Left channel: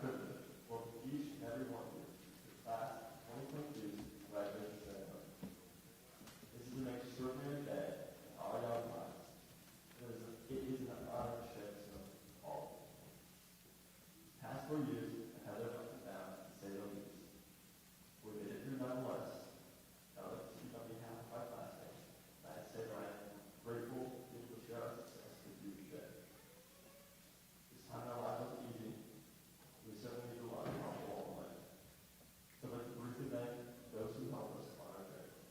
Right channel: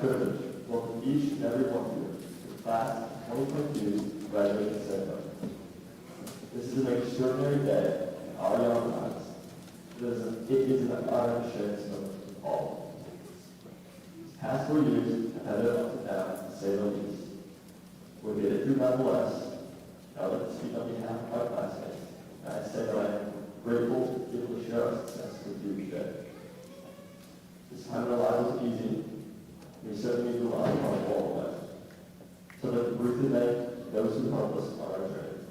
privilege to welcome each and every one of you to the class of 2022 graduating ceremony. This is an extraordinary day in our young lives. It is an honor to share this moment with all of you. These past 4 years have had their ups and downs, to say the least. We'll get it through nonetheless. I would like to speak on behalf of my classmates, and I say that I am grateful to be able to share our success with you today. This time in our lives was easy. We certainly need to rely on all of us. So let me briefly thank those who helped us on our journey.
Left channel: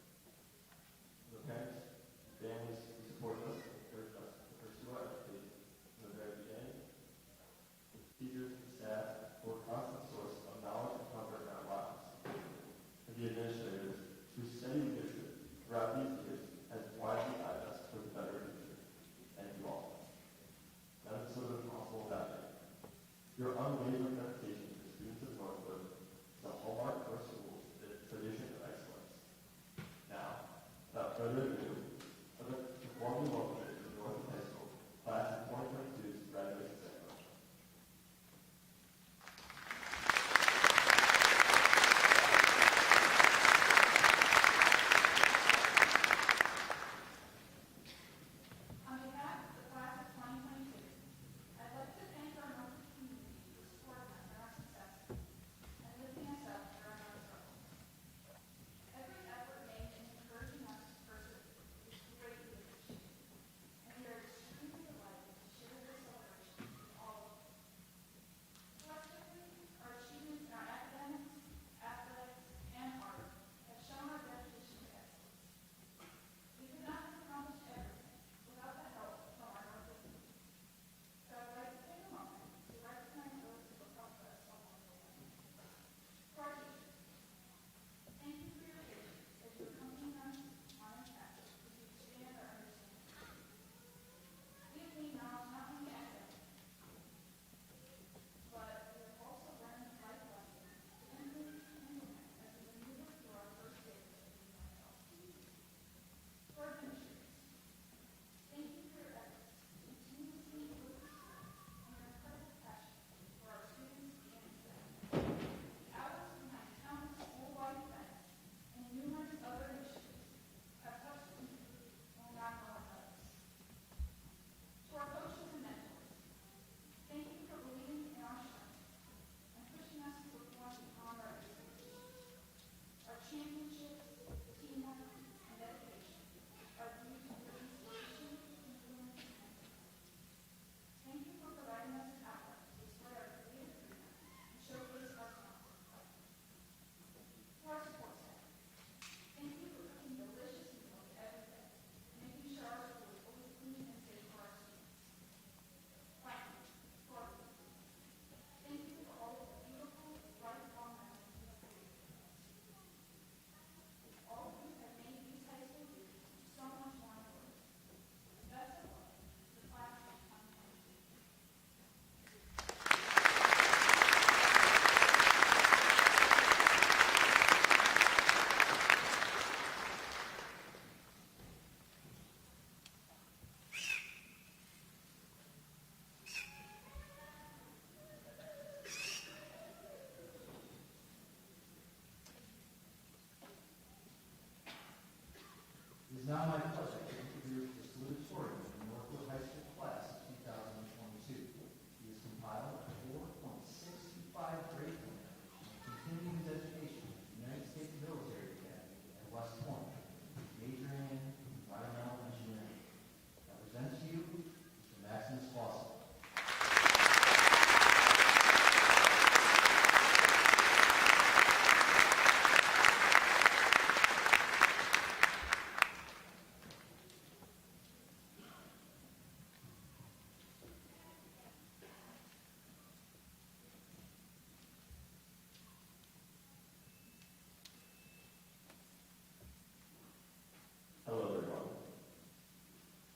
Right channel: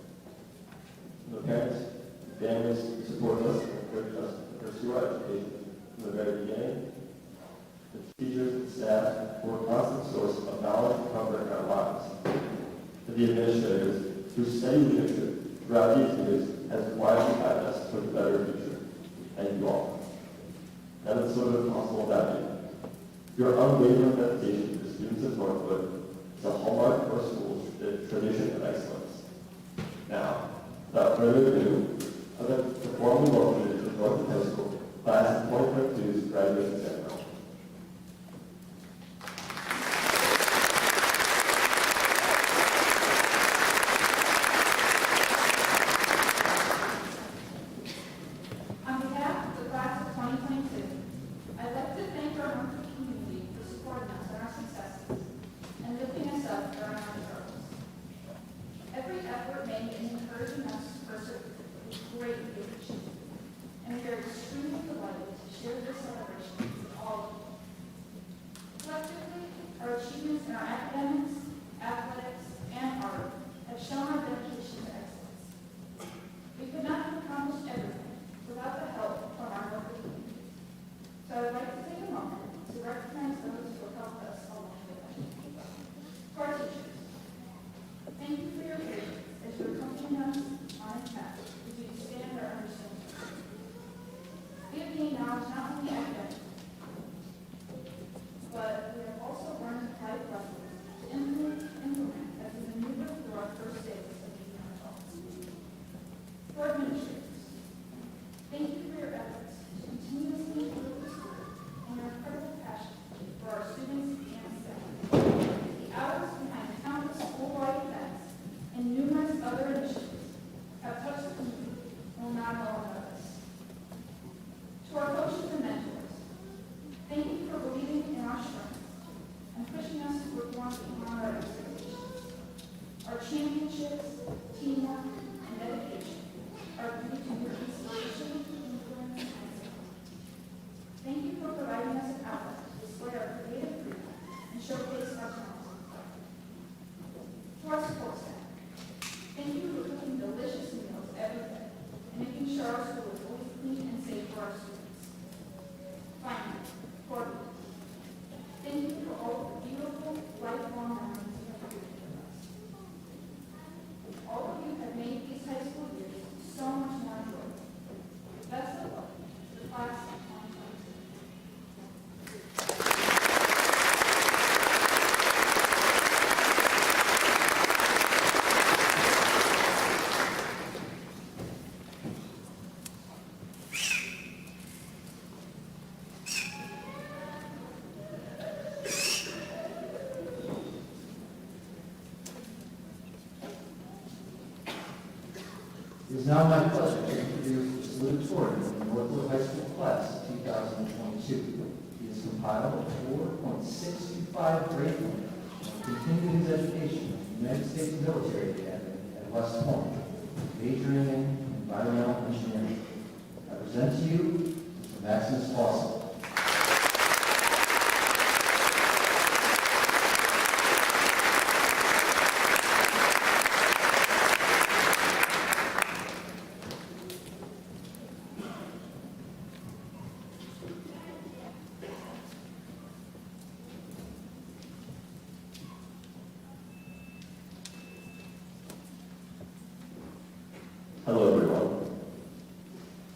From the parents and families who supported us and encouraged us to pursue our education from the very beginning, the teachers and staff who were a constant source of knowledge and comfort in our lives, to the administrators whose steady leadership throughout these years has wisely guided us toward a better future. Thank you all. None of this would have been possible without you. Your unwavering dedication to the students of Northwood is a hallmark of our school's tradition of excellence. Now, without further ado, I'd like to formally welcome you to the Northwood High School Class of 2022's graduation ceremony. It is now my pleasure to introduce the salutatorian from the Northwood High School Class of 2022. He has compiled a 4.625 grade point and continued his education at the United States Military Academy at West Point, majoring in environmental engineering. I present to you Mr. Maximus Fawcett. Hello, everyone.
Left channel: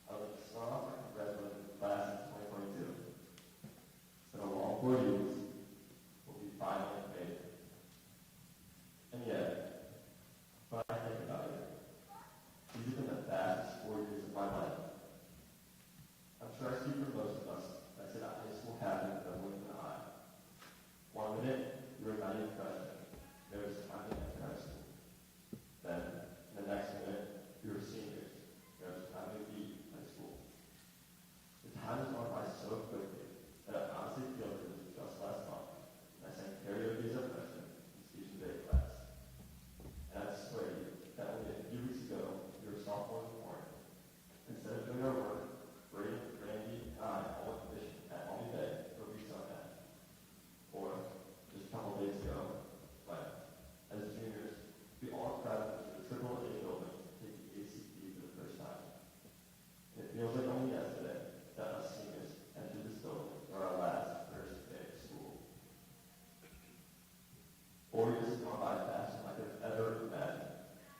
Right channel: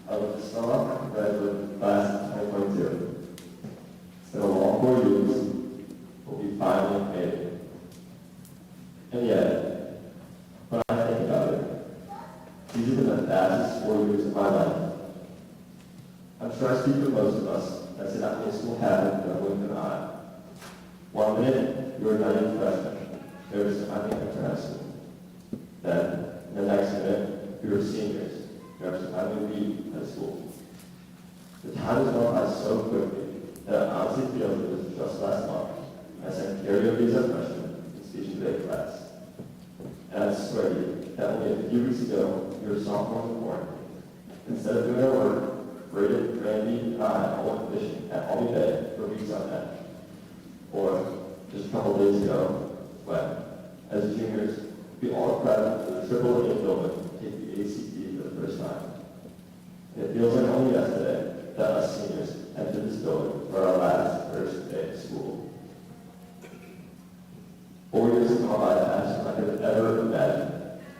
I would like to start off and congratulate the class of 2022. It's been a long 4 years, but we finally made it. And yet, when I think about it, these have been the fastest 4 years of my life. I'm sure I speak for most of us that did not make school happen for a blink of an eye. 1 minute, you were not even freshmen. There was finally after high school. Then, in the next minute, you were seniors. You were finally leave high school. The time has gone by so quickly that it honestly feels it was just last month. I sang karaoke as a freshman in speech and debate class. And I swear to you that only a few weeks ago, you were sophomores in Warren. Instead of doing our work, Braden, Randy, and I all went fishing at Albany Bay for weeks on end. Or just a couple days ago, when, as juniors, we all crowded to the AAA building to take the ACT for the first time. It feels like only yesterday that us seniors entered this building for our last first day of school. 4 years have gone by faster than I could have ever imagined,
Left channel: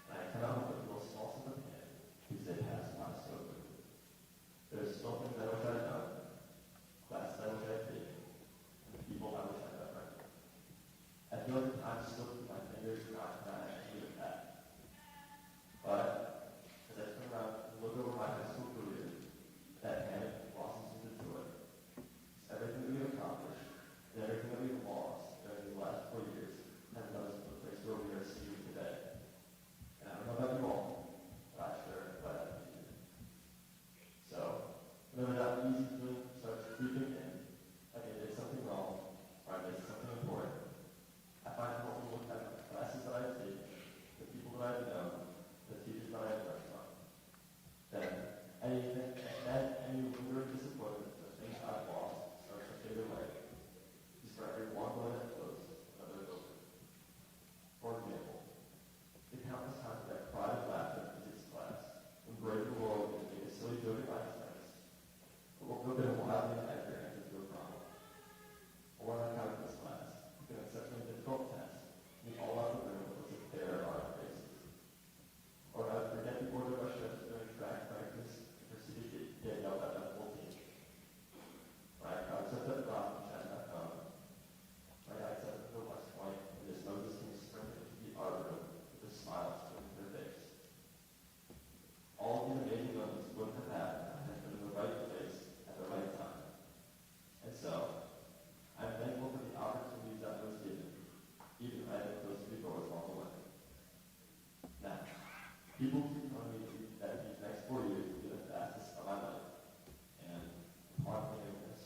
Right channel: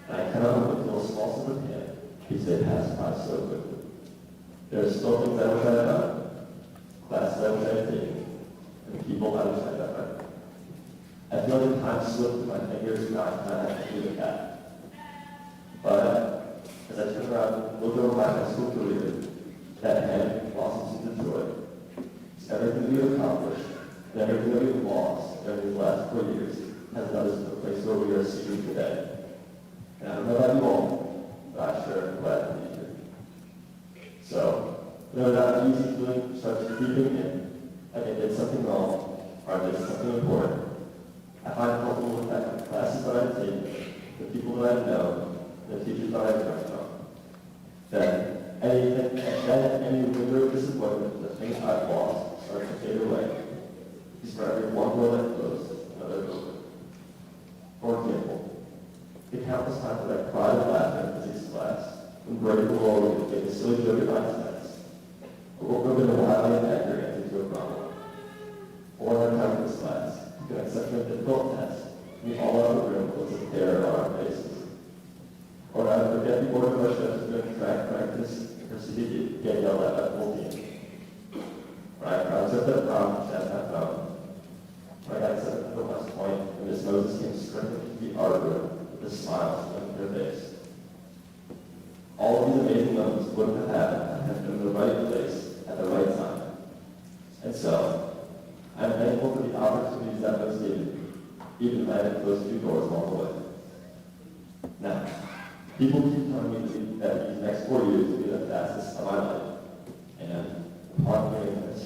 and I cannot help but feel a small sense of panic because they passed by so quickly. There are still things I wish I had done, classes I wish I had taken, and people I wish I had met. I feel like the time slipped through my fingers and I kind of had to do the cat. But as I turn around and look over my high school career, that hand blossoms into joy. It's everything we have accomplished and everything that we've lost during these last 4 years has led us to the place where we are seated today. And I don't know about you all, but I'm sure I'm glad to be here. So, whenever that easy feeling starts creeping in, like I did something wrong or I did something important, I find it helpful to look back at the classes that I've taken, the people that I've known, the teachers that I've learned from. Then any winter of disappointment, the things I've lost start to fade away. Because for every one door that closed, another opened. For example, the countless times that I cried and laughed in physics class, when breaking the law would make a silly joke at 9 cents, or would have been a wildly inaccurate answer to a problem. Or in our calculus class, an exceptionally difficult test, we all out of the room with a stare on our faces. Or I would forget the order of our steps during track practice and proceed to get yelled at by the whole team. Or I crossed up that prom and sat my phone. Or I got accepted to the West Point and Miss Moses came sprinting into the art room with a smile on her face. All of these amazing moments wouldn't have happened had I been in the right place at the right time. And so, I'm thankful for the opportunities that was given, even if I had to close 2 doors along the way. Now, people keep telling me that these next 4 years will be the fastest of my life. And upon hearing this,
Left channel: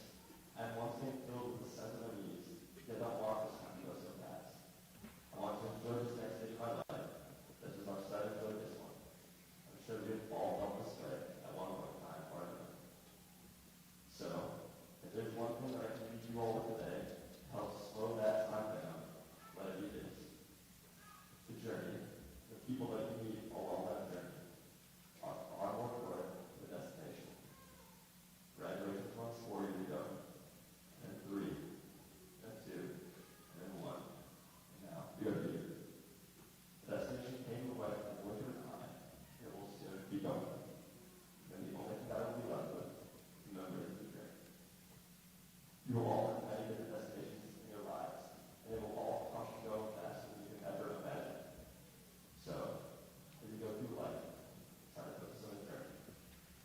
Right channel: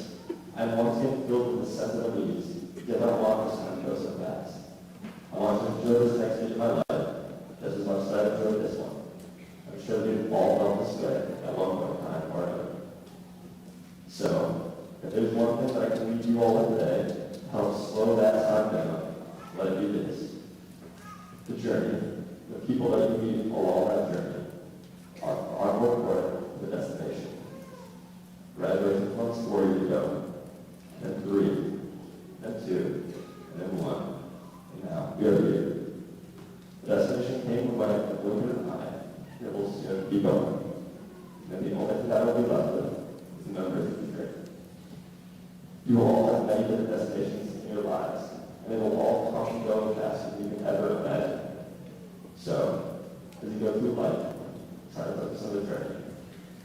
I'm once again filled with a sense of unease, yet I want this time to go so fast. I want to enjoy this next stage of my life just as much as I enjoyed this one. I'm sure we've all felt this way at one point in time or another. So, if there's one thing that I can leave you all with today to help slow that time down, let it be this. The journey, the people that you meet along that journey, are far more important than the destination. Graduation comes 4 years ago, then 3, then 2, and then 1, and now we are here. The destination came when the blink of an eye, and it will soon be going. And the only thing that will be left with is memories of the journey. You will all have many different destinations in your lives, and they will all come and go faster than you can ever imagine. So, as you go through life, try to focus on the journey.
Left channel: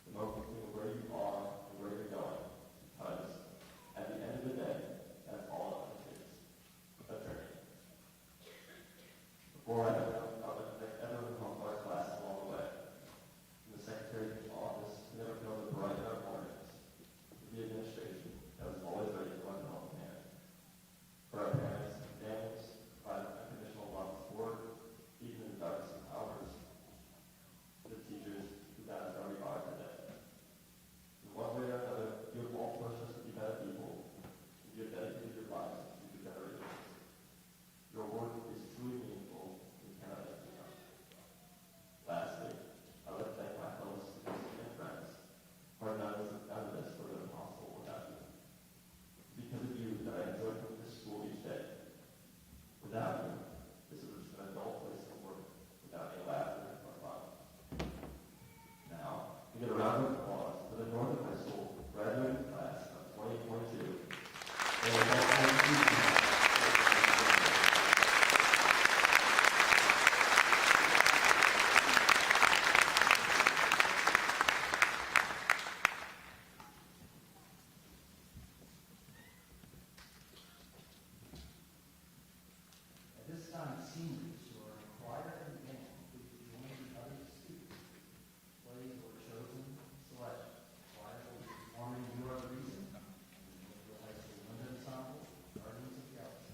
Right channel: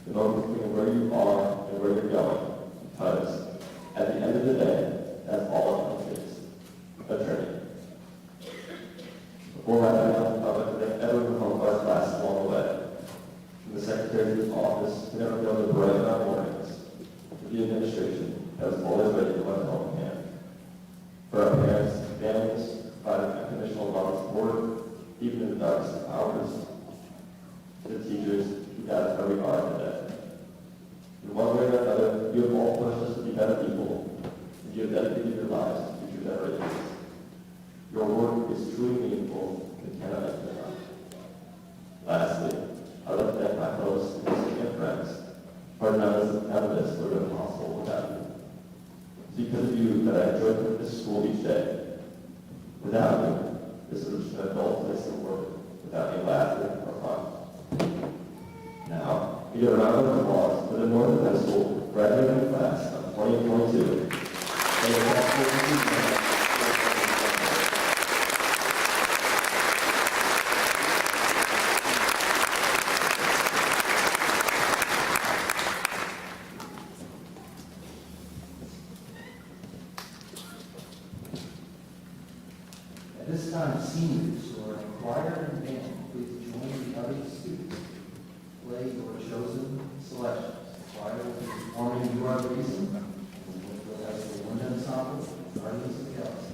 The moment between where you are and where you're going, because at the end of the day, that's all it is, a journey. Before wrapping up, I would like to thank everyone from our class along the way. From the secretary's office, who never failed to brighten our mornings, to the administration, that was always ready to lend a helping hand. For our parents and families, providing unconditional love and support, even in the darkest of hours. To the teachers who got us where we are today. In one way or another, you have all pushed us to be better people, and you have dedicated your lives to future generations. Your work is truly meaningful and cannot be enough. Lastly, I would like to thank my fellow students and friends for none of this would have been possible without you. It's because of you that I enjoy coming to school each day. Without you, this would have been a dull place to work without any laughter or fun. Now, we give a round of applause for the Northwood High School graduating class of 2022. this time, seniors who are in choir and band, please join the other students. Play your chosen selections. Choir will be performing "You Are the Reason," Northwood High School Wind Ensemble, Guardians of the Galaxy.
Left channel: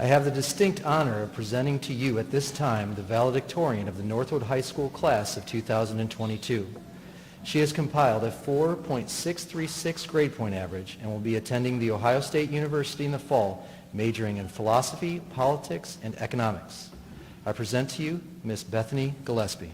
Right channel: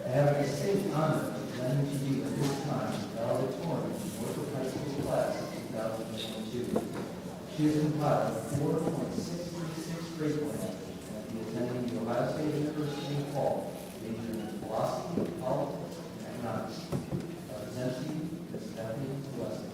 I have the distinct honor of presenting to you at this time the valedictorian of the Northwood High School class of 2022. She has compiled a 4.636 grade point average and will be attending The Ohio State University in the fall, majoring in philosophy, politics, and economics. I present to you Miss Bethany Gillespie.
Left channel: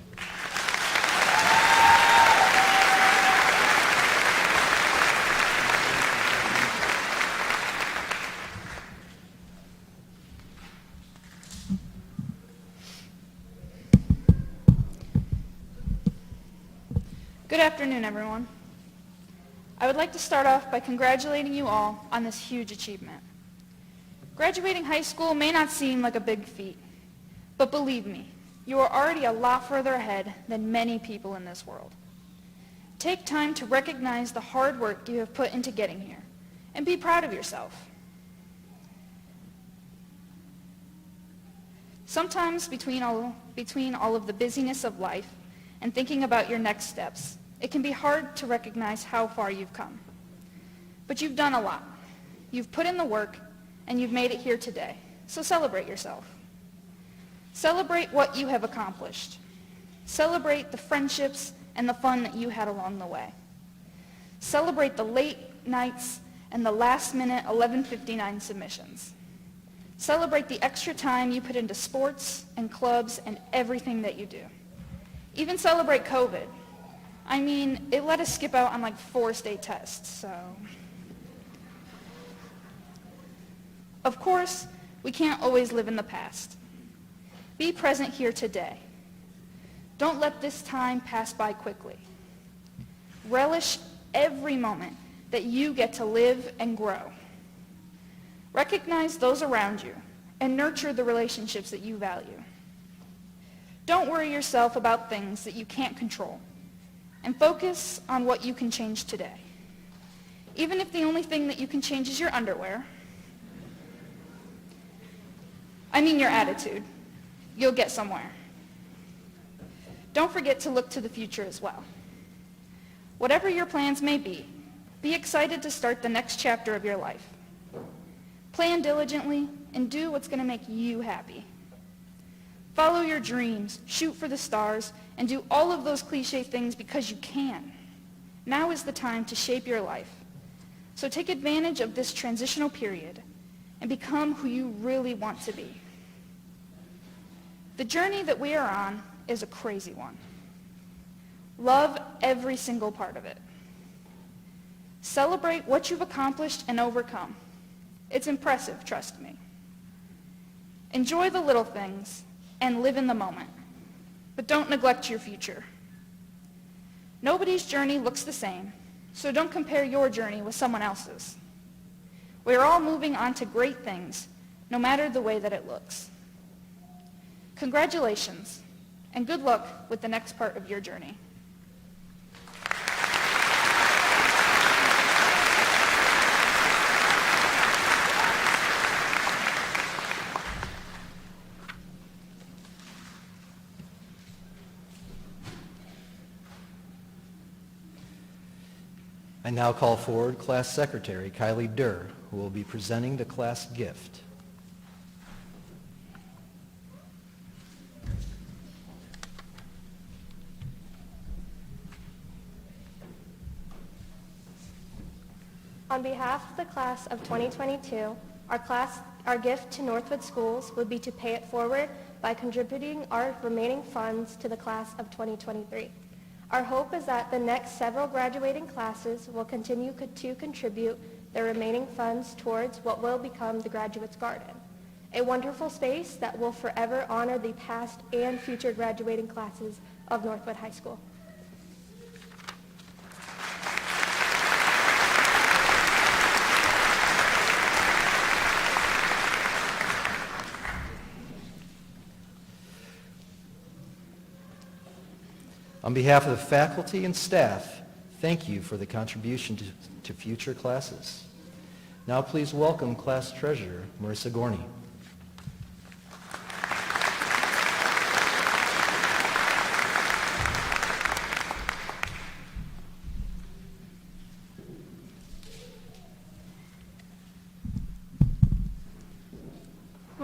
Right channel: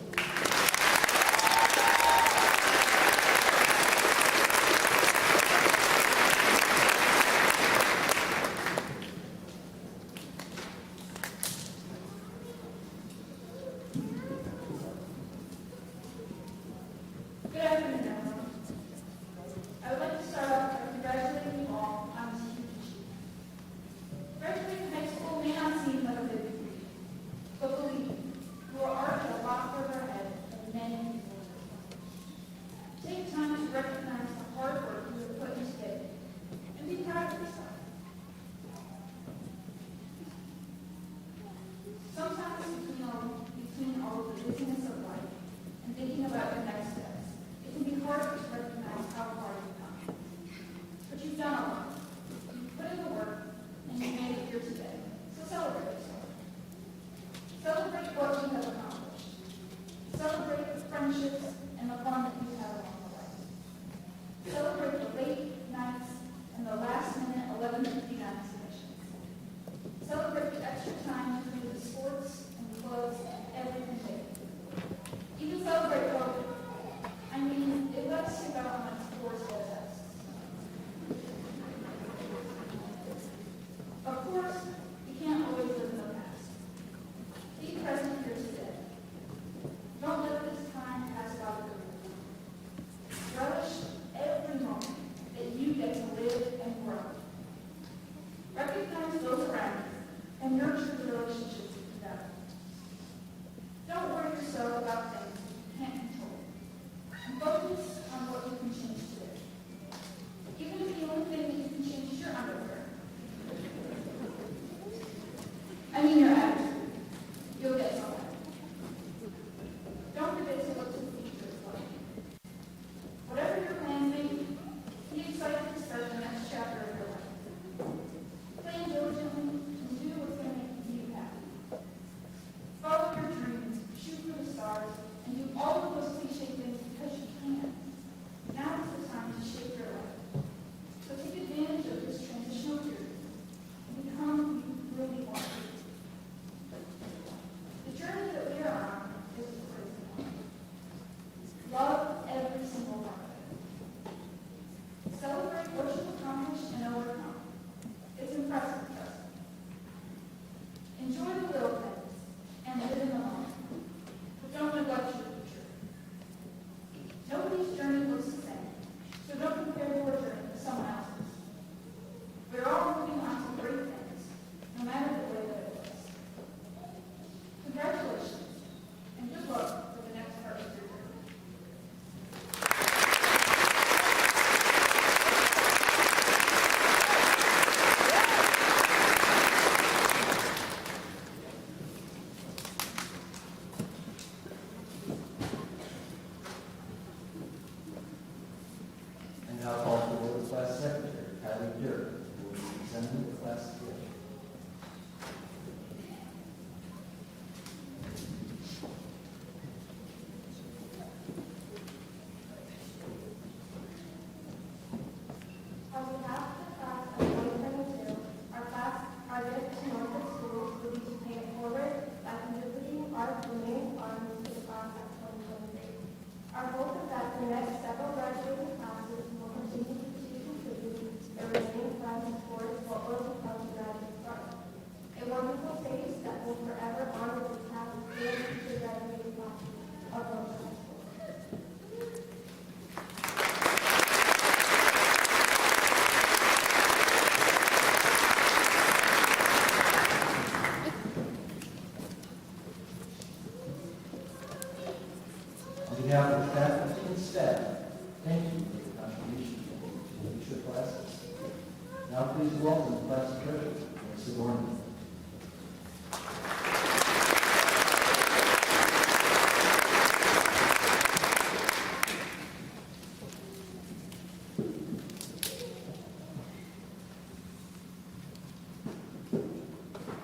Good afternoon, everyone. I would like to start off by congratulating you all on this huge achievement. Graduating high school may not seem like a big feat, but believe me, you are already a lot further ahead than many people in this world. Take time to recognize the hard work you have put into getting here, and be proud of yourself. Sometimes between all of the busyness of life and thinking about your next steps, it can be hard to recognize how far you've come. But you've done a lot. You've put in the work, and you've made it here today. So celebrate yourself. Celebrate what you have accomplished. Celebrate the friendships and the fun that you had along the way. Celebrate the late nights and the last-minute 11:59 submissions. Celebrate the extra time you put into sports and clubs and everything that you do. Even celebrate COVID. I mean, it let us skip out on like 4 state tests, so. Of course, we can't always live in the past. Be present here today. Don't let this time pass by quickly. Relish every moment that you get to live and grow. Recognize those around you and nurture the relationships that you value. Don't worry yourself about things that you can't control, and focus on what you can change today. Even if the only thing that you can change is your underwear. I mean your attitude. You'll get somewhere. Don't forget to look to the future as well. Whatever your plans may be excited to start the next chapter of your life. Plan diligently and do what's going to make you happy. Follow your dreams, shoot for the stars, and do all of those cliche things because you can. Now is the time to shape your life. So take advantage of this transitional period and become who you really want to be. The journey that we are on is a crazy one. Love every single part of it. Celebrate what you've accomplished and overcome. It's impressive, trust me. Enjoy the little things and live in the moment, but don't neglect your future. Nobody's journey looks the same, so don't compare your journey with someone else's. We are all moving on to great things, no matter the way that it looks. Congratulations, and good luck with the next part of your journey. I now call forward Class Secretary Kylie Durr, who will be presenting the class gift. On behalf of the class of 2022, our gift to Northwood Schools would be to pay it forward by contributing our remaining funds to the class of 2023. Our hope is that the next several graduating classes will continue to contribute their remaining funds towards what will become the Graduates Garden, a wonderful space that will forever honor the past and future graduating classes of Northwood High School. On behalf of the faculty and staff, thank you for the contribution to future classes. Now please welcome Class Treasurer Marissa Gorney.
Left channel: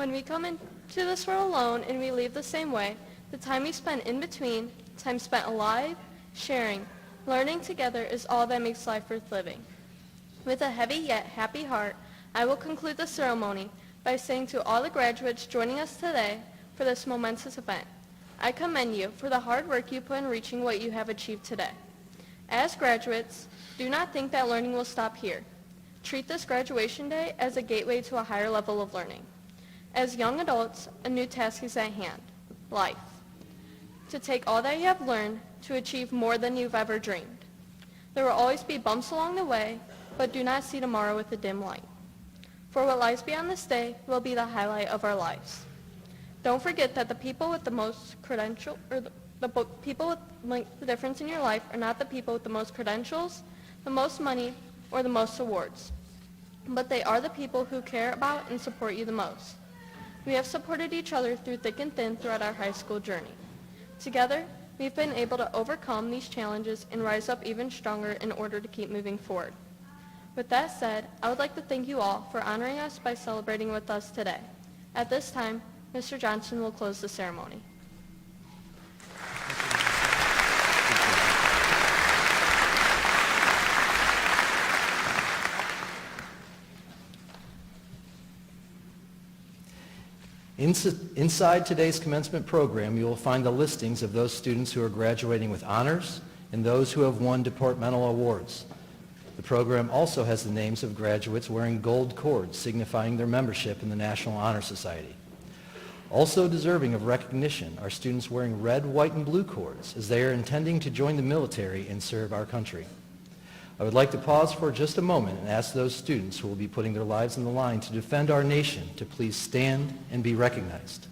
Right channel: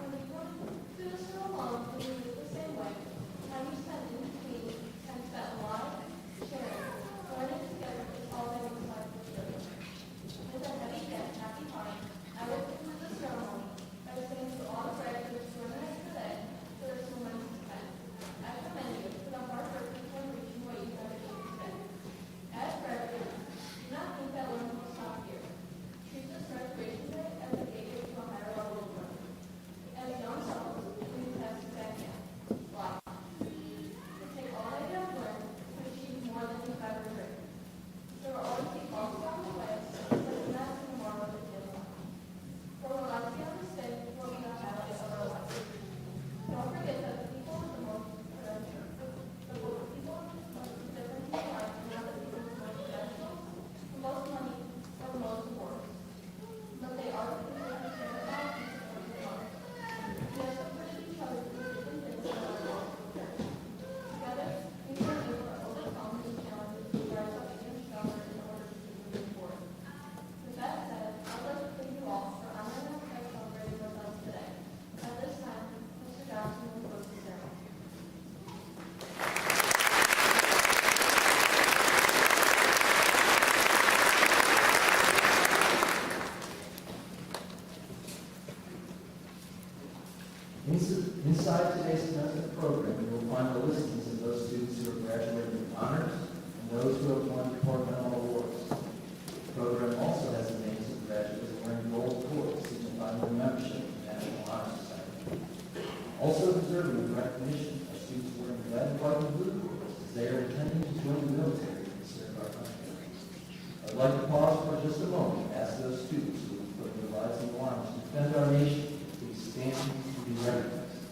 When we come into this world alone and we leave the same way, the time we spend in between, time spent alive, sharing, learning together is all that makes life worth living. With a heavy yet happy heart, I will conclude the ceremony by saying to all the graduates joining us today for this momentous event, I commend you for the hard work you put in reaching what you have achieved today. As graduates, do not think that learning will stop here. Treat this graduation day as a gateway to a higher level of learning. As young adults, a new task is at hand, life. To take all that you have learned to achieve more than you've ever dreamed. There will always be bumps along the way, but do not see tomorrow with a dim light. For what lies beyond this day will be the highlight of our lives. Don't forget that the people with the most credentials, or the people with the difference in your life are not the people with the most credentials, the most money, or the most awards. But they are the people who care about and support you the most. We have supported each other through thick and thin throughout our high school journey. Together, we've been able to overcome these challenges and rise up even stronger in order to keep moving forward. With that said, I would like to thank you all for honoring us by celebrating with us today. At this time, Mr. Johnson will close the ceremony. Inside today's commencement program, you will find the listings of those students who are graduating with honors and those who have won departmental awards. The program also has the names of graduates wearing gold cords, signifying their membership in the National Honor Society. Also deserving of recognition are students wearing red, white, and blue cords, as they are intending to join the military and serve our country. I would like to pause for just a moment and ask those students who will be putting their lives on the line to defend our nation to please stand and be recognized.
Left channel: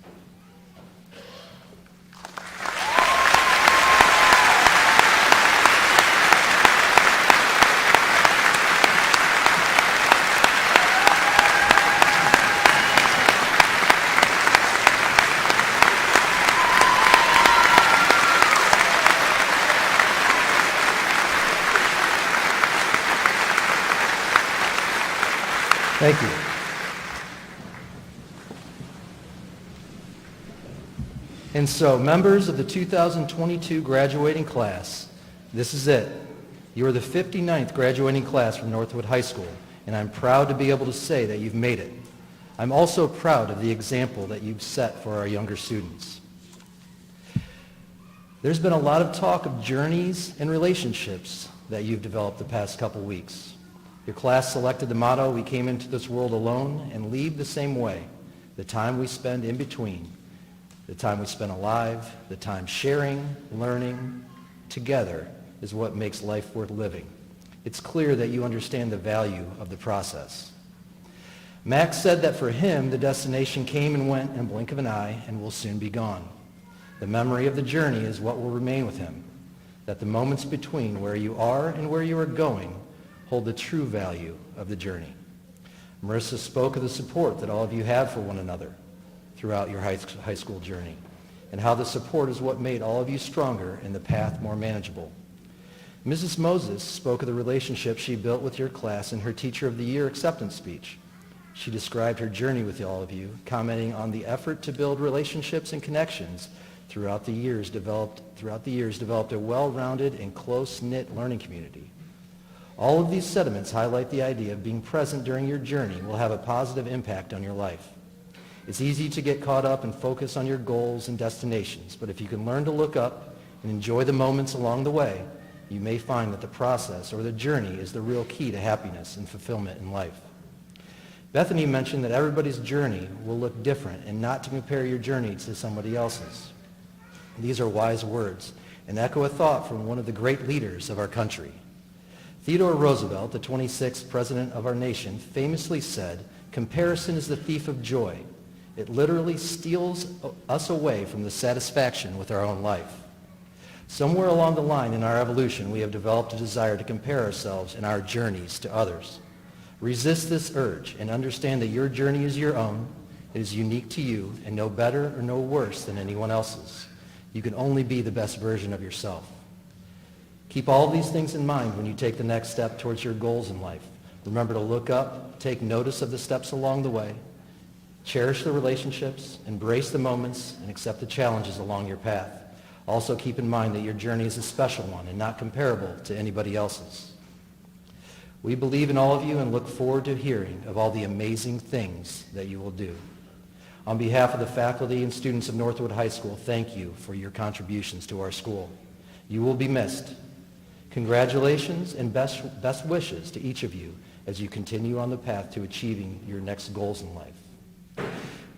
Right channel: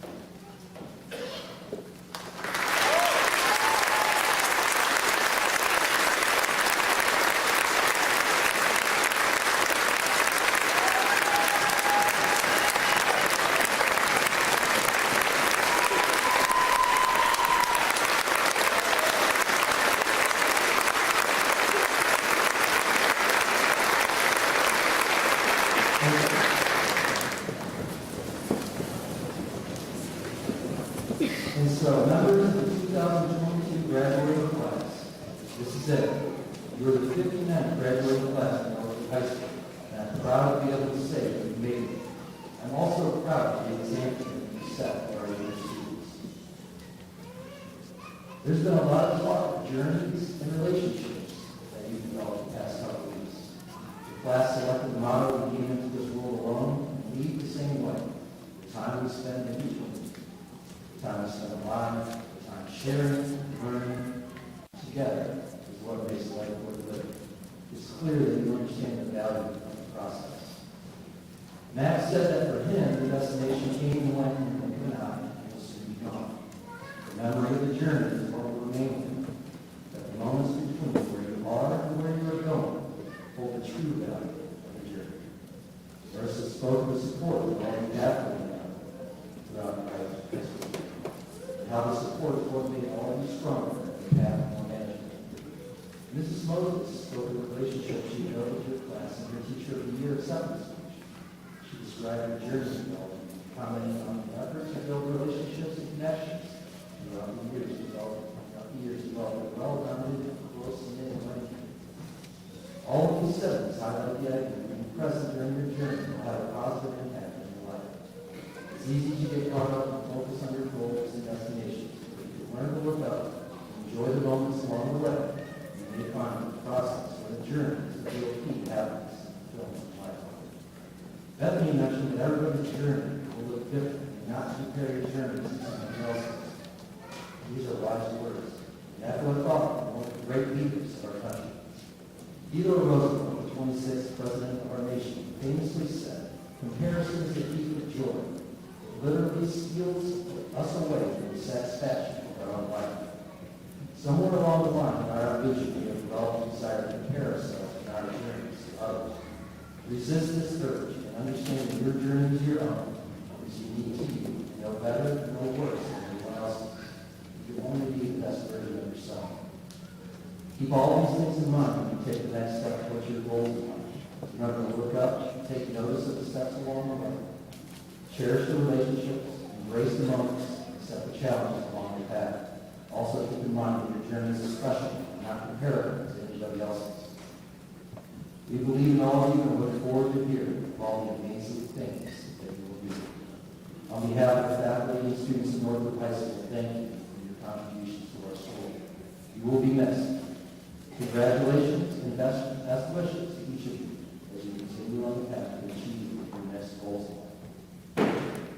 Thank you. And so, members of the 2022 graduating class, this is it. You are the 59th graduating class from Northwood High School, and I'm proud to be able to say that you've made it. I'm also proud of the example that you've set for our younger students. There's been a lot of talk of journeys and relationships that you've developed the past couple weeks. Your class selected the motto, "We came into this world alone and leave the same way." The time we spend in between, the time we spend alive, the time sharing, learning together is what makes life worth living. It's clear that you understand the value of the process. Max said that for him, the destination came and went in a blink of an eye and will soon be gone. The memory of the journey is what will remain with him, that the moments between where you are and where you are going hold the true value of the journey. Marissa spoke of the support that all of you have for one another throughout your high school journey, and how the support is what made all of you stronger and the path more manageable. Mrs. Moses spoke of the relationship she built with your class in her Teacher of the Year acceptance speech. She described her journey with all of you, commenting on the effort to build relationships and connections throughout the years developed a well-rounded and close-knit learning community. All of these sentiments highlight the idea of being present during your journey will have a positive impact on your life. It's easy to get caught up and focus on your goals and destinations, but if you can learn to look up and enjoy the moments along the way, you may find that the process or the journey is the real key to happiness and fulfillment in life. Bethany mentioned that everybody's journey will look different and not to compare your journey to somebody else's. These are wise words and echo a thought from one of the great leaders of our country. Theodore Roosevelt, the 26th president of our nation, famously said, "Comparison is the thief of joy. It literally steals us away from the satisfaction with our own life." Somewhere along the line in our evolution, we have developed a desire to compare ourselves and our journeys to others. Resist this urge and understand that your journey is your own. It is unique to you and no better or no worse than anyone else's. You can only be the best version of yourself. Keep all these things in mind when you take the next step towards your goals in life. Remember to look up, take notice of the steps along the way. Cherish the relationships, embrace the moments, and accept the challenges along your path. Also keep in mind that your journey is a special one and not comparable to anybody else's. We believe in all of you and look forward to hearing of all the amazing things that you will do. On behalf of the faculty and students of Northwood High School, thank you for your contributions to our school. You will be missed. Congratulations and best wishes to each of you as you continue on the path to achieving your next goals in life.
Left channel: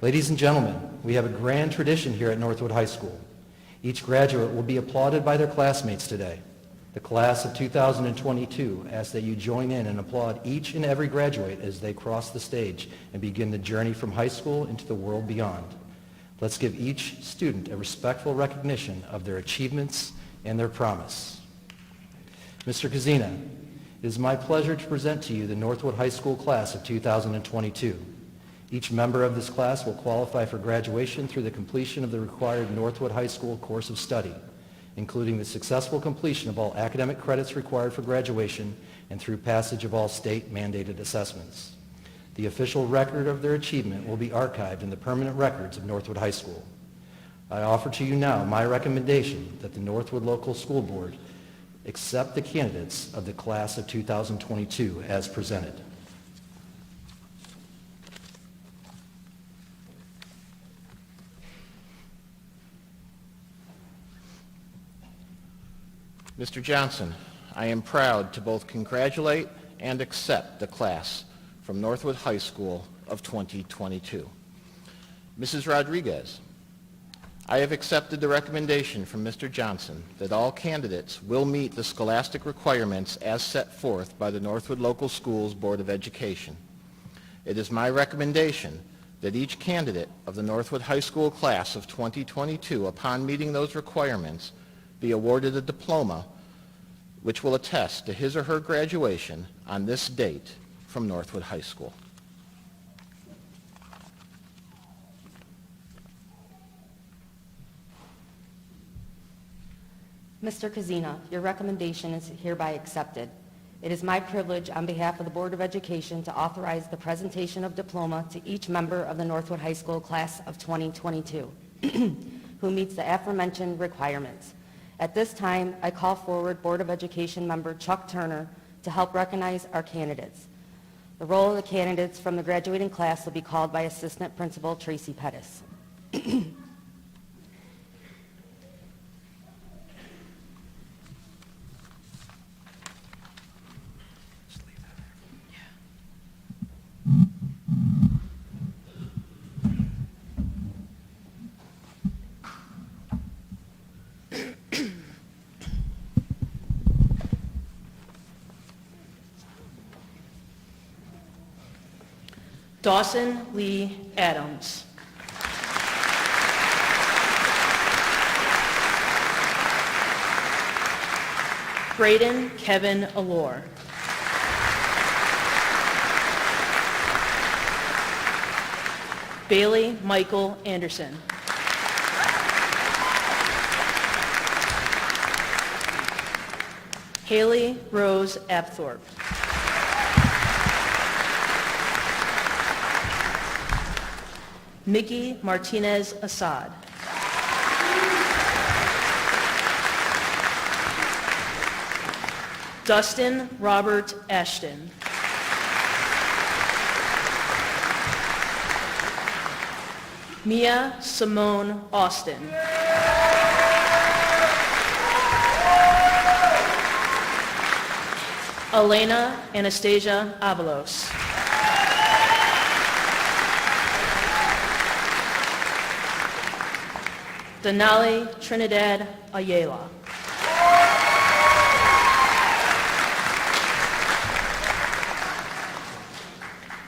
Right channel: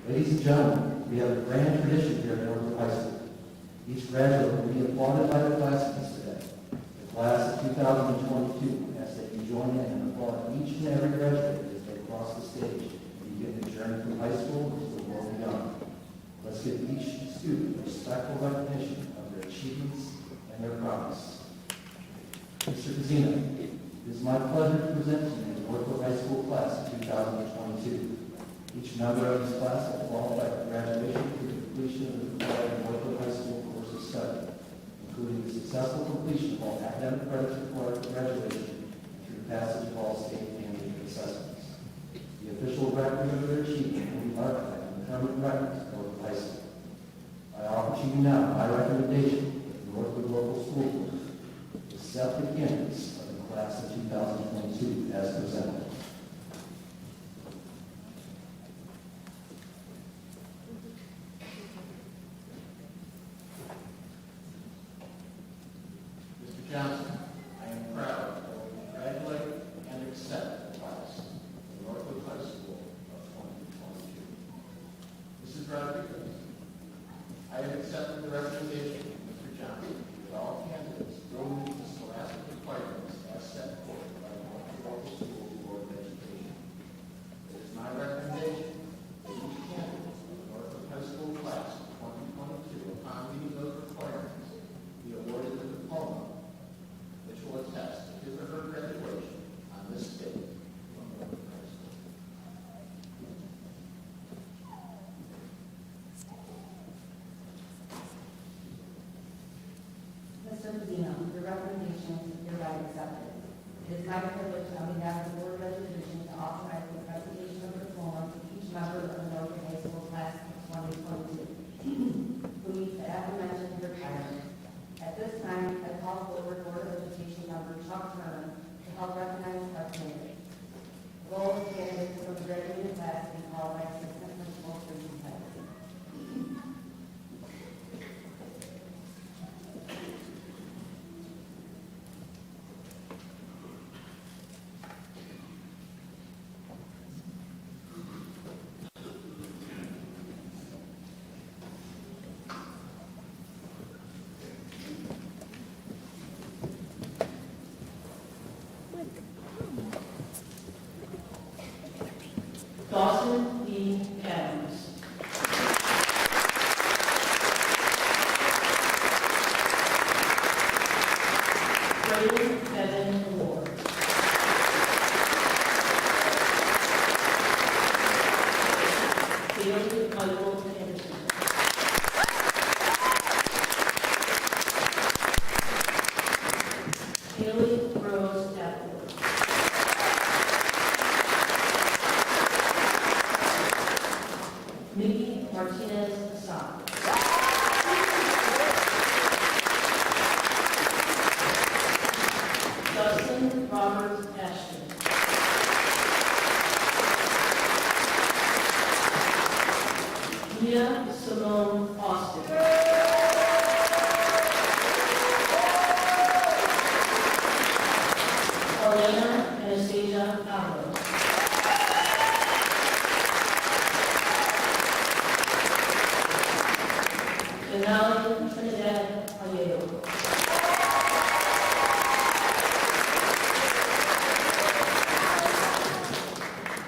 Ladies and gentlemen, we have a grand tradition here at Northwood High School. Each graduate will be applauded by their classmates today. The class of 2022 asks that you join in and applaud each and every graduate as they cross the stage and begin the journey from high school into the world beyond. Let's give each student a respectful recognition of their achievements and their promise. Mr. Kazina, it is my pleasure to present to you the Northwood High School class of 2022. Each member of this class will qualify for graduation through the completion of the required Northwood High School course of study, including the successful completion of all academic credits required for graduation and through passage of all state-mandated assessments. The official record of their achievement will be archived in the permanent records of Northwood High School. I offer to you now my recommendation that the Northwood Local School Board accept the candidates of the class of 2022 as presented. Mr. Johnson, I am proud to both congratulate and accept the class from Northwood High School of 2022. Mrs. Rodriguez, I have accepted the recommendation from Mr. Johnson that all candidates will meet the scholastic requirements as set forth by the Northwood Local Schools Board of Education. It is my recommendation that each candidate of the Northwood High School class of 2022, upon meeting those requirements, be awarded a diploma which will attest to his or her graduation on this date from Northwood High School. Mr. Kazina, your recommendation is hereby accepted. It is my privilege on behalf of the Board of Education to authorize the presentation of diploma to each member of the Northwood High School class of 2022 who meets the aforementioned requirements. At this time, I call forward Board of Education member Chuck Turner to help recognize our candidates. The roll of the candidates from the graduating class will be called by Assistant Principal Tracy Pettis. Dawson Lee Adams. Braden Kevin Allure. Bailey Michael Anderson. Haley Rose Abthorpe. Mickey Martinez Assad. Dustin Robert Ashton. Mia Simone Austin. Elena Anastasia Avalos. Denali Trinidad Ayala.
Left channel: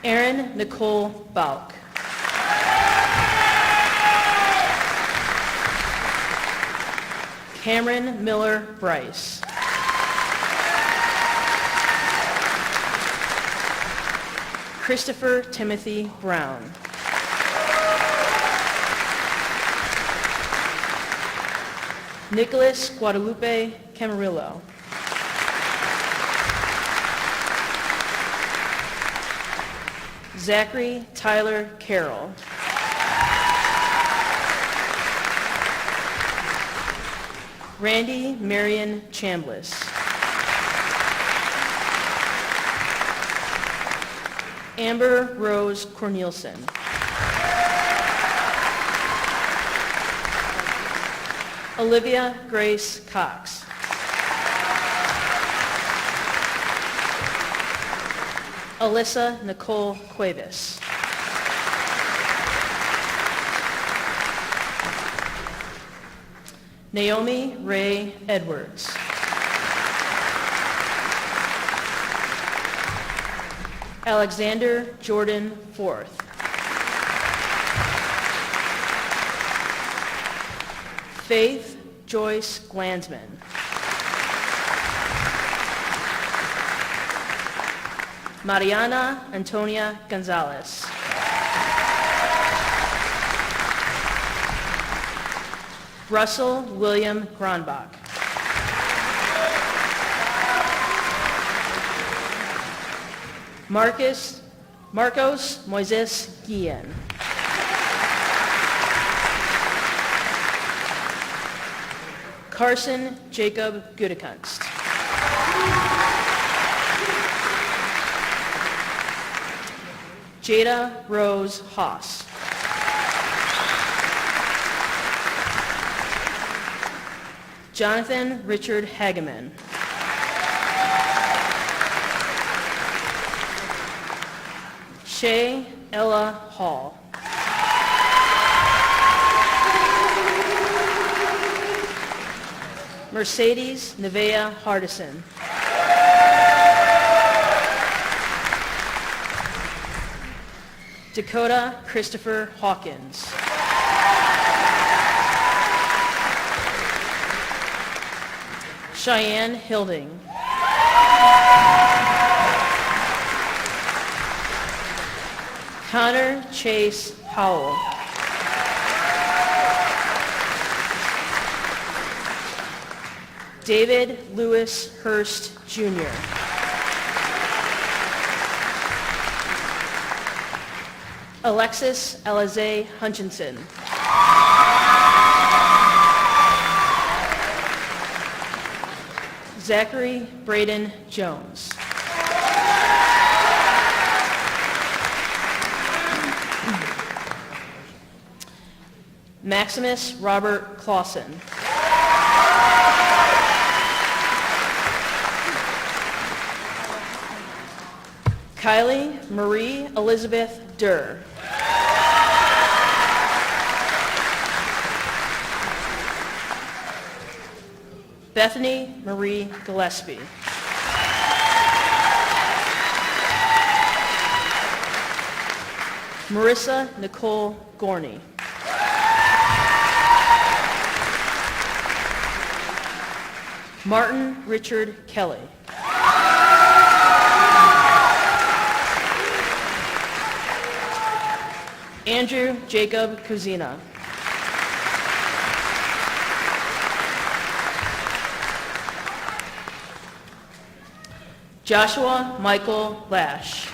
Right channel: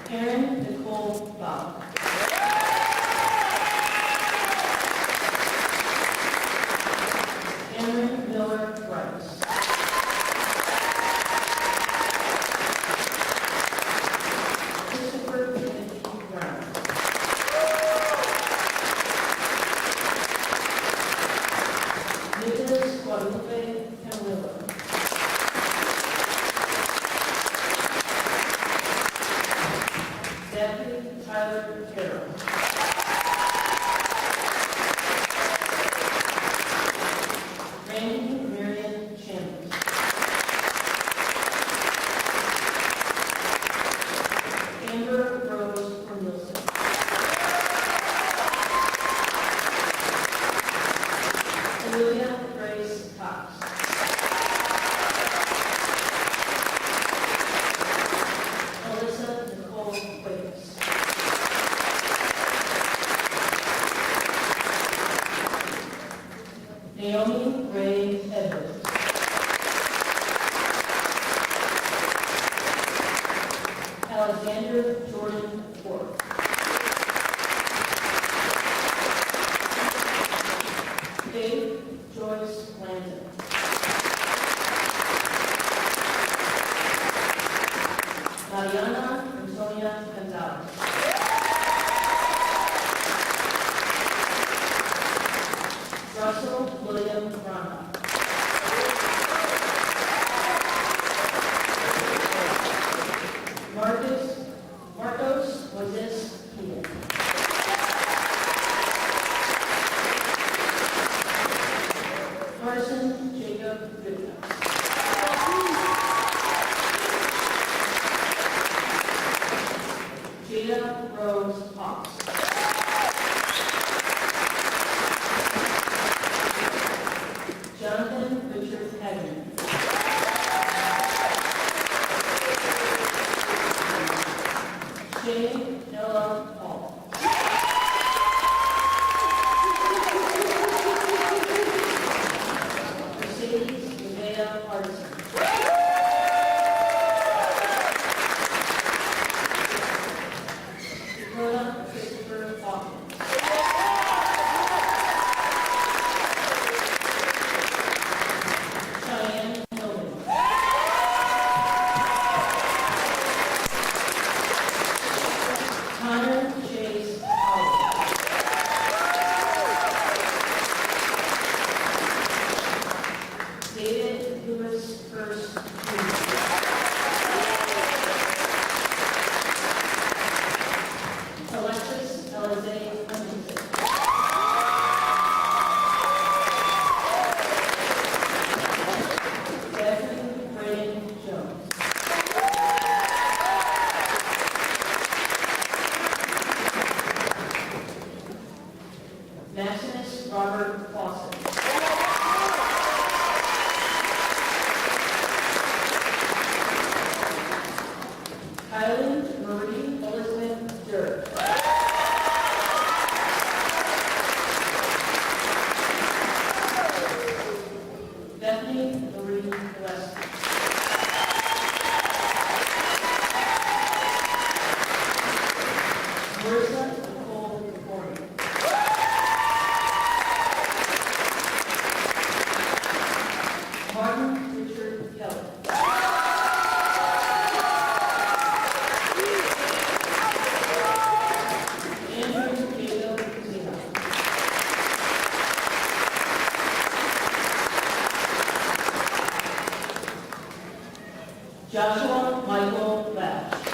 Erin Nicole Bauk. Cameron Miller Bryce. Christopher Timothy Brown. Nicholas Guadalupe Camarillo. Zachary Tyler Carroll. Randy Marion Chambliss. Amber Rose Cornelison. Olivia Grace Cox. Alyssa Nicole Cuevas. Naomi Ray Edwards. Alexander Jordan Forth. Faith Joyce Glansman. Mariana Antonia Gonzalez. Russell William Gronbach. Marcos Moises Guillen. Carson Jacob Gudekunst. Jada Rose Haas. Jonathan Richard Hageman. Shay Ella Hall. Mercedes Nevea Hardison. Dakota Christopher Hawkins. Cheyenne Hilding. Connor Chase Howell. David Lewis Hurst Jr. Alexis Elize Hutchinson. Zachary Braden Jones. Maximus Robert Clausen. Kylie Marie Elizabeth Durr. Bethany Marie Gillespie. Marissa Nicole Gorney. Martin Richard Kelly. Andrew Jacob Kuzina. Joshua Michael Lash.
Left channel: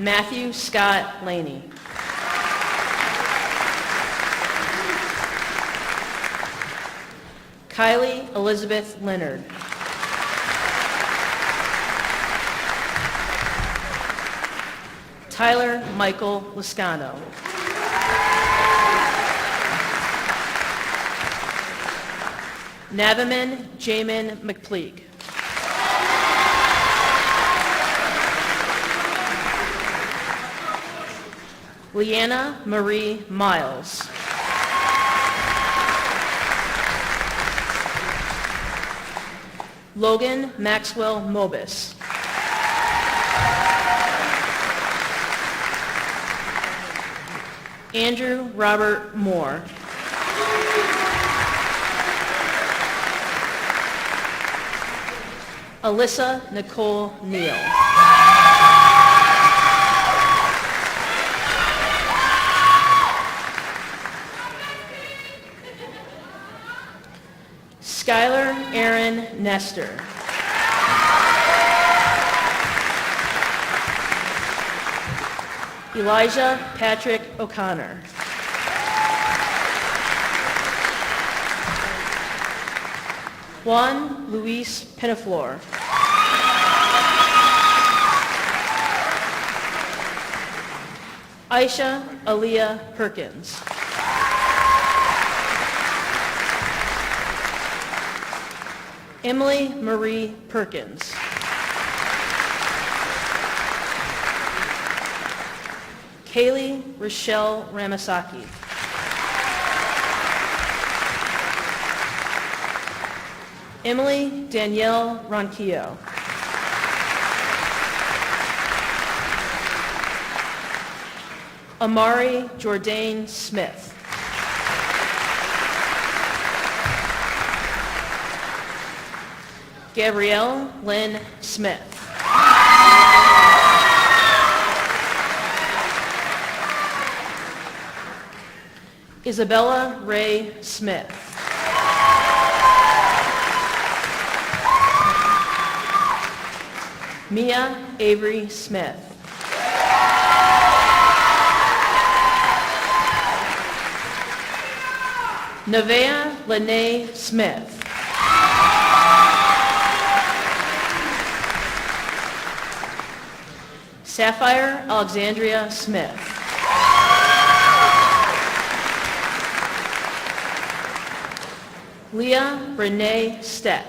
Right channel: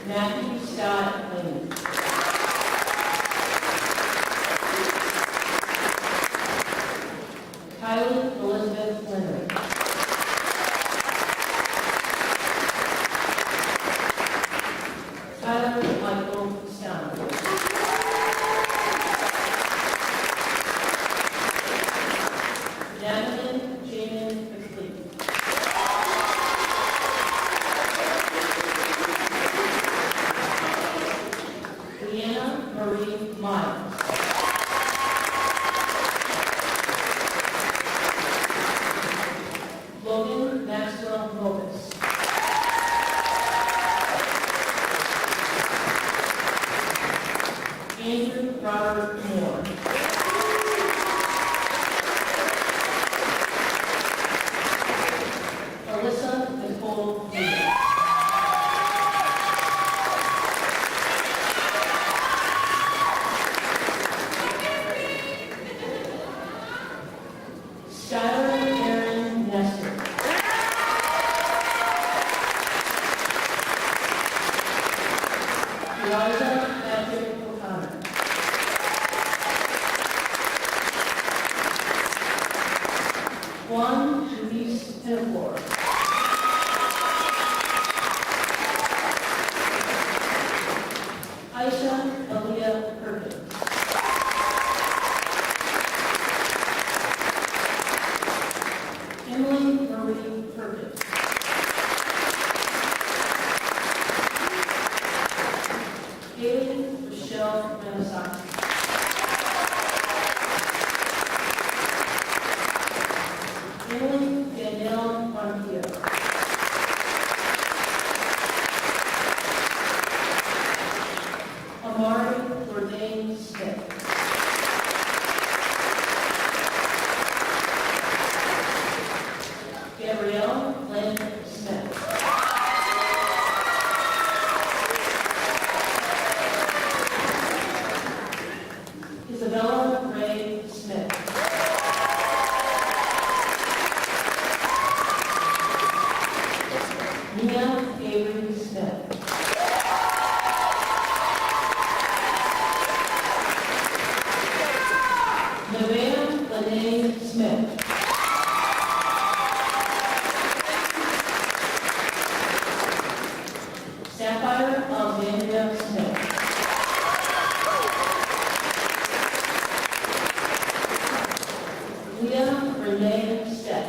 Matthew Scott Laney. Kylie Elizabeth Leonard. Tyler Michael Lascano. Naviman Jamin McPleak. Leanna Marie Miles. Logan Maxwell Mobus. Andrew Robert Moore. Alyssa Nicole Neal. Skylar Aaron Nestor. Elijah Patrick O'Connor. Juan Luis Penaflor. Aisha Aaliyah Perkins. Emily Marie Perkins. Kaylee Rochelle Ramasaki. Emily Danielle Ronquillo. Amari Jourdain Smith. Gabrielle Lynn Smith. Isabella Ray Smith. Mia Avery Smith. Nevaeh Lene Smith. Sapphire Alexandria Smith. Leah Renee Steck.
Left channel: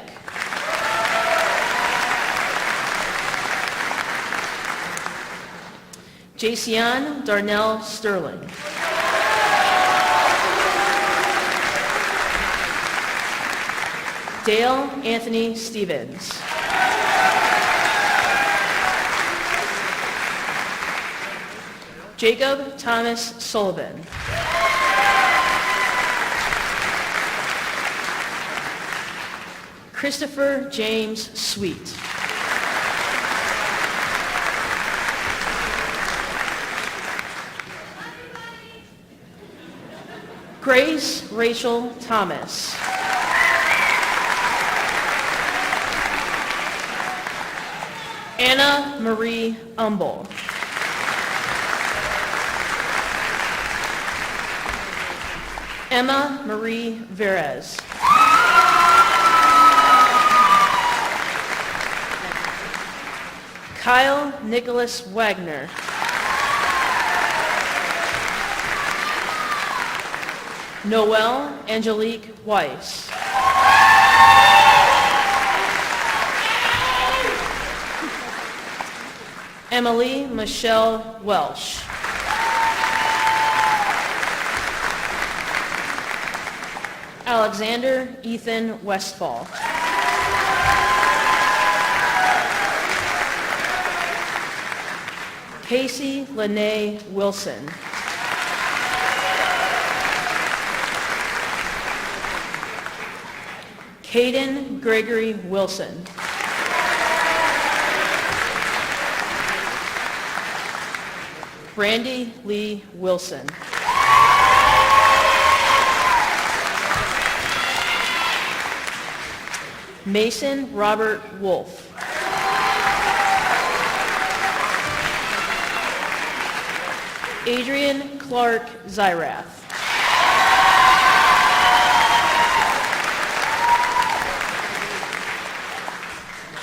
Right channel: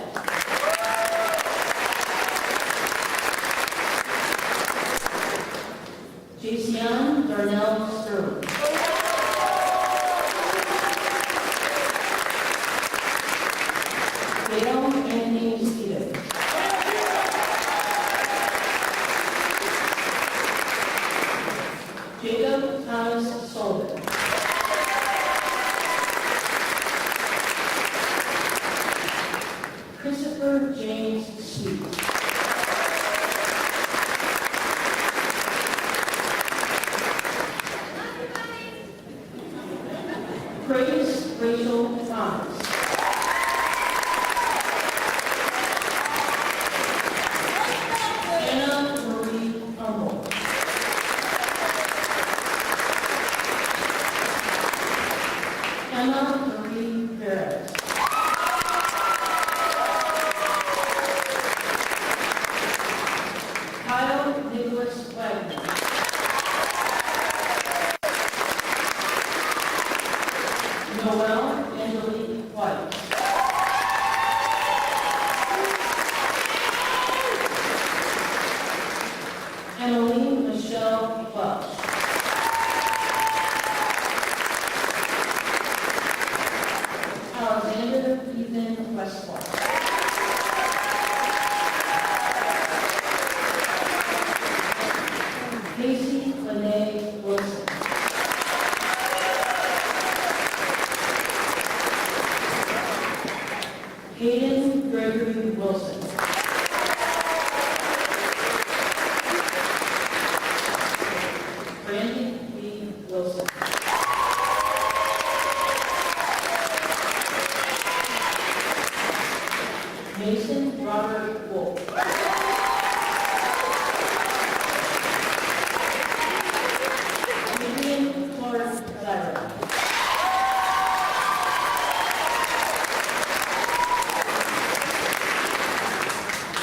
Jacian Darnell Sterling. Dale Anthony Stevens. Jacob Thomas Sullivan. Christopher James Sweet. Grace Rachel Thomas. Anna Marie Umbel. Emma Marie Verez. Kyle Nicholas Wagner. Noelle Angelique Weiss. Emily Michelle Welsh. Alexander Ethan Westfall. Casey Lene Wilson. Caden Gregory Wilson. Brandy Lee Wilson. Mason Robert Wolf. Adrian Clark Zyrath.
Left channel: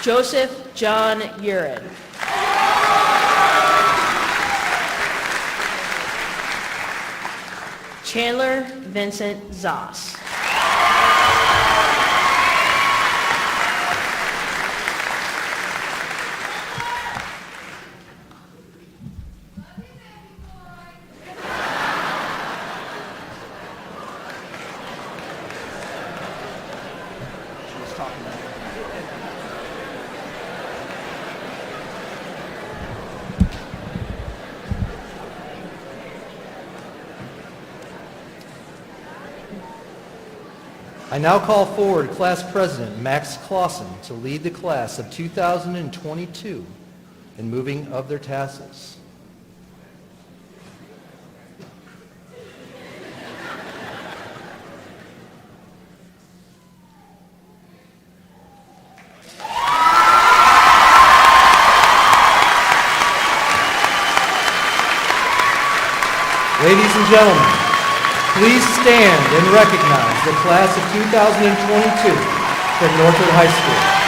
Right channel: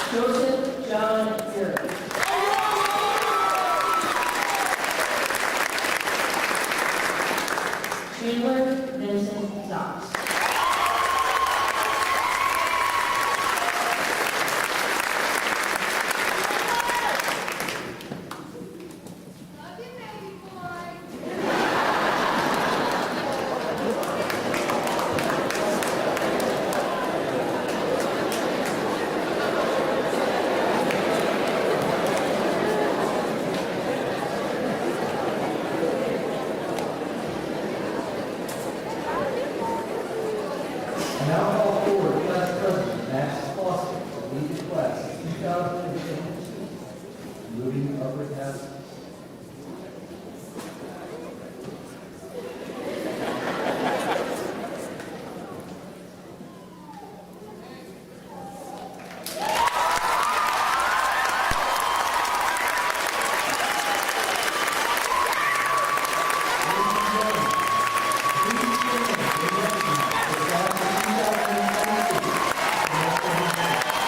Joseph John Urin. Chandler Vincent Zoss. I now call forward Class President Max Clausen to lead the class of 2022 in moving of their tasks. and gentlemen, please stand and recognize the class of 2022 from Northwood High School.